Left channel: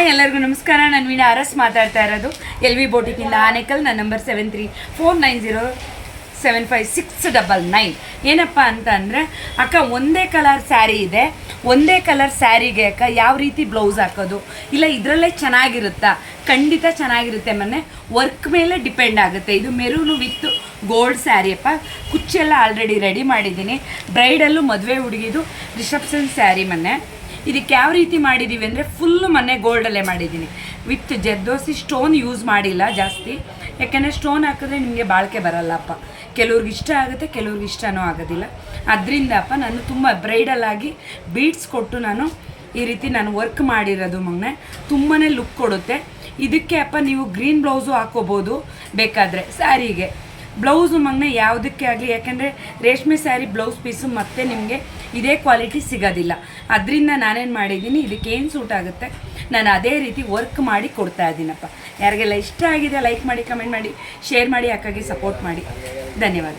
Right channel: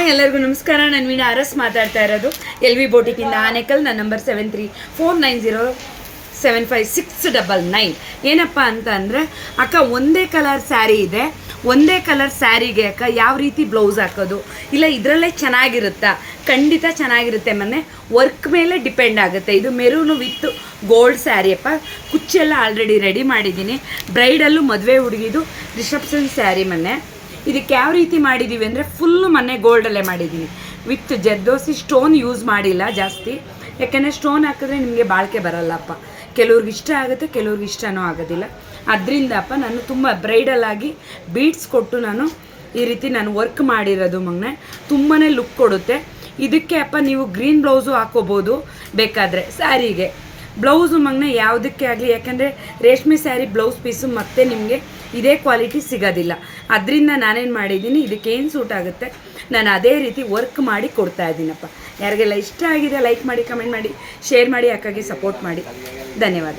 Hi ಎಲ್ಲರಿಗೂ ನಮಸ್ಕಾರ. ನಾನು ವೀಣಾ ಅರಸ್ ಮಾತಾಡ್ತಾ ಇರೋದು LV ಬೋಟಿಕಿಂದ ಆನೇಕಲ್. ನನ್ನ ನಂಬರ್ 7349075699. ಏನಪ್ಪ ಅಂತ ಅಂದರೆ ಅಕ್ಕ ಒಂದೇ ಕಲರ್ ಸ್ಯಾರಿ ಇದೆ, ಒಂದೇ ಕಲರ್ ಸ್ಯಾರಿಗೆ ಅಕ್ಕ ಯಾವ ರೀತಿ ಬ್ಲೌಸ್ ಹಾಕೋದು, ಇಲ್ಲ ಇದರಲ್ಲೇ ಚೆನ್ನಾಗಿರುತ್ತಾ? ಖಂಡಿತ ಚೆನ್ನಾಗಿರುತ್ತೆ. ಮೊನ್ನೆ ವರ್ಕ್ ಮೇಲೆ ಡಿಪೆಂಡ್ ಆಗುತ್ತೆ. ಇದು ಮೆರೂನು ವಿತ್ ಗೋಲ್ಡ್ ಸ್ಯಾರಿ ಅಪ್ಪ. ಕುಚ್ಚೆಲ್ಲ ಆಲ್ರೆಡಿ ರೆಡಿ ಮಾಡಿದ್ದೀನಿ. ಬ್ರೈಡಲ್ಲು ಮದುವೆ ಹುಡುಗಿದು ರಿಸೆಪ್ಷನ್ ಸ್ಯಾರಿ. ಮೊನ್ನೆ ಇದಕ್ಕೆ ಯಾವ ರೀತಿ ಮಾಡಿದ್ದೀವಿ ಅಂದರೆ ಫುಲ್ಲು ಮೊನ್ನೆ ಗೋಲ್ಡಲ್ಲೇ ಮಾಡಿದ್ದೀನಿ. ವಿತ್ ಜರ್ದೋಸಿ ಸ್ಟೋನ್ ಯೂಸ್ ಮಾಡಿಲ್ಲ ಜಾಸ್ತಿ, ಯಾಕೆಂದರೆ ಸ್ಟೋನ್ ಹಾಕಿದ್ರೆ ನಿಮಗೆ ಬಾಳಿಕೆ ಬರಲ್ಲಪ್ಪ. ಕೆಲವ್ರಿಗೆ ಇಷ್ಟ ಆಗುತ್ತೆ, ಕೆಲವ್ರಿಗೆ ಇಷ್ಟನೂ ಆಗೋದಿಲ್ಲ. ಅದರಿಂದ ಅಪ್ಪ ನಾನು ತುಂಬ ಬ್ರೈಡಲ್ ಆಗಿ ಬೀಡ್ಸ್ ಕೊಟ್ಟು ನಾನು ಈ ರೀತಿ ನಾನು ವರ್ಕ್ ಮಾಡಿರೋದು ಮೊನ್ನೆ ತುಂಬಾ ಲುಕ್ ಕೊಡುತ್ತೆ. ಇದಕ್ಕೆ ಅಪ್ಪ ನೀವು ಗ್ರೀನ್ ಬ್ಲೌಸು ಹಾಕೋಬೋದು ಬೇಕಾದರೆ ಸ್ಯಾರಿಗೆ. ಬ್ಲೌಸು ಮೊನ್ನೆ ಯಾವುದಕ್ಕೆ ಆಗಲಿ, ಯಾಕೆಂದರೆ ರೇಷ್ಮೆ ಸ್ಯಾರಿ ಬ್ಲೌಸ್ ಪೀಸು ಮತ್ತೆ ನಿಮಗೆ ಇದೇ ಕ್ವಾಲಿಟಿ ಸಿಗೋದಿಲ್ಲ. ಅದರಿಂದ ನಾನೇನು ಮಾಡಿದ್ದೀನಿ, ಇದಕ್ಕೇನು ಸೂಟ್ ಆಗುತ್ತೆ ನಾನು ಅದೇ ರೀತಿ ವರ್ಕ್ ಮಾಡಿ ಕೊಡ್ತಾ ಇದ್ದೀನಪ್ಪ. ಯಾರಿಗೆಲ್ಲ ಇಷ್ಟ ಆಗಿದೆ ಲೈಕ್ ಮಾಡಿ, ಕಮೆಂಟ್ ಮಾಡಿ, ಶೇರ್ ಮಾಡಿ, ಅಕ್ಕಾಗಿ ಸಪೋರ್ಟ್ ಮಾಡಿ. ಧನ್ಯವಾದ.